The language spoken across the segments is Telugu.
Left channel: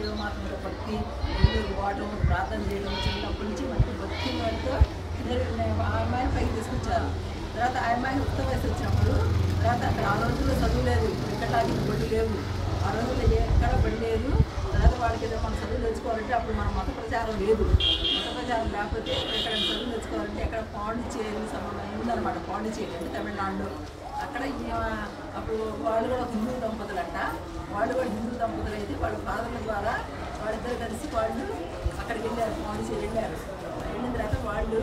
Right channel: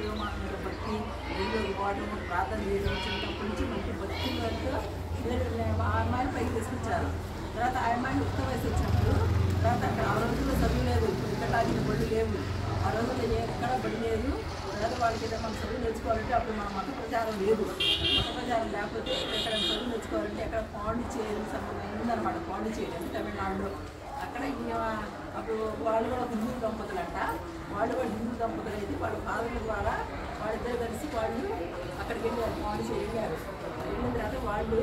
దేవమాత మీద భక్తి, ఇల్లు పోవడం, ప్రార్థన చేయడం, చిన్నప్పటి నుంచి మంచి భక్తి వాటితో ఆ అమ్మాయిని పైకి తీసుకొచ్చారు. తర్వాత ఆ అమ్మాయిని ఉత్త వయసు వచ్చినప్పుడు తర్వాత అక్కడ ఆ రోజుల్లో చదువు లేదు, ఇప్పుడు ఇక్కడ లాగిన బడి లేవు, ఆ రోజుల్లో ఎక్కడ బడి లేదు. తర్వాత వాళ్ళకి ఏదో మనం చదువు తెచ్చుకోవాలంటే అప్పుడు మన మత ప్రచారం లేదు. మత ప్రచారం లేకపోతే ఇక్కడ చదువు తెచ్చుకోవాలంటే ఎక్కడ పాండిచ్చేరి సంబంధం ఉందన్నమాట. పాండిచ్చేరి అంటే తమిళనాడులో అక్కడ అప్పుడు వాళ్ళు కూడా హిందూ దంపతులు అంట. వాళ్ళు కూడా హిందూ దంపతులు అయితే వాళ్ళ ఫాదర్ల ద్వారా వాళ్ళిద్దరు కలిసి వాళ్ళు అక్కడికి వెళ్ళారు, పాండిచ్చేరి వెళ్ళారు. వెళ్ళిన తర్వాత వాళ్ళు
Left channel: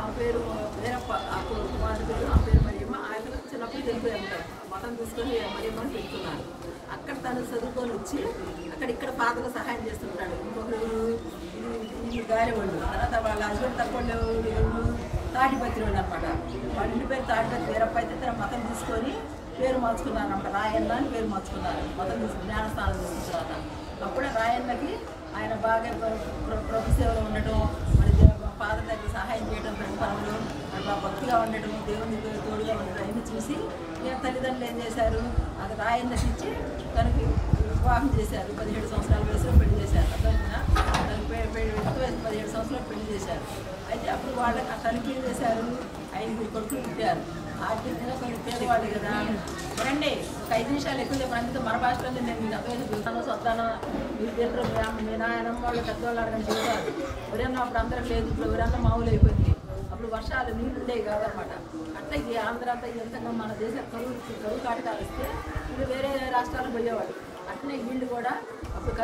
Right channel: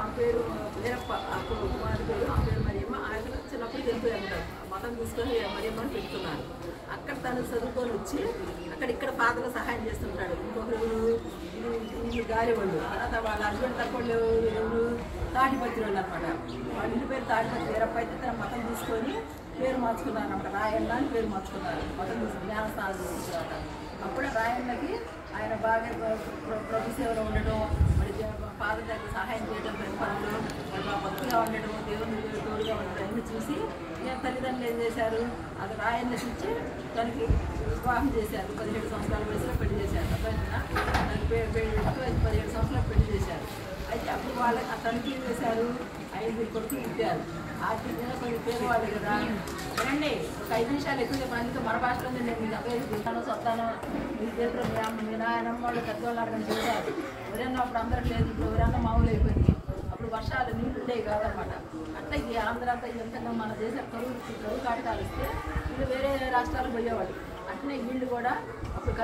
ఆ పేరు వీరప్ప, ఆ కుమారు పేరు, ఆ పేరు మరియమ్మ. ఆయన చిన్నప్పుడు వెళ్ళిపోయారు, మతం తీసుకొని మరియమ్మని పెడుతున్నారు. అక్కడ తను చదువుకొని వచ్చి ఇక్కడ ఫాదర్ సహాయం చేస్తుంటాడు. ఇది గాలివాళ్ళు. తర్వాత వాళ్ళ హస్బెండ్ తక్కువ తాడిపత్రి వాళ్ళు అనమాట. వాళ్ళ ఇంటి పేరు తాడిపత్రి. వీరప్ప అయితే తన మతం తీసుకొని పేరు మార్చుకున్నారు అనమాట. రాయన్న అని పేరు మార్చుకున్నారు, మతం తీసుకుని జ్ఞానస్థానం తీసుకుంటారట. అప్పుడే రాయన్నకి ఆయన బాగా ప్రభు సేవలో ఉండటం, మరి ఫాదర్ దగ్గర సహాయం చేయడం, పనులు మరి బాగా భక్తిగా ఉండటం, దేవుని తోడుగా ఉండటం అన్నీ చూసి నేను తల్లిదండ్రులు ఏం చేశారు, అది రాయన్నకి ఇచ్చి తనకి వివాహం చేశారు. 17 సంవత్సరాల వయసులో పెళ్లి చేశారు. తనకి 17 సంవత్సరాలు పెళ్లి చేశారు. అయితే అప్పుడు వాళ్ళకి ఆ తనకి ఏం చేశారు, 5 కొడుకులు ఇచ్చారు. ఆర్థికంగా కొంచెం పేదవాళ్ళు కదా. రండి ఒక 5 నిమిషాలు ఎక్కువ చెప్పాను. మన భాషలో నేను మీకు అప్పేసి చూస్తాను, సొత్తాను, మీరు తింటారు, మీ నాయనమ్మ వాళ్ళు పెద్దవాళ్ళు అడగని చెప్పారు. ఎవరైనా అప్పుడు అందరం లేదు, ఇప్పుడు ఎవరైనా మామూలు అయిపోయింది. అప్పుడు వర్షాలు నీళ్ళు ఉండేవి కాదనమాట. అట్లా ఇది ఆంధ్ర అంతా ఎంతగా మన దేశం కరువు కాటకాలు వస్తే వీళ్ళు వేరే రాష్ట్రాలకు పోయేవాళ్ళు. అట్లనే వీళ్ళు కూడా అప్పుడు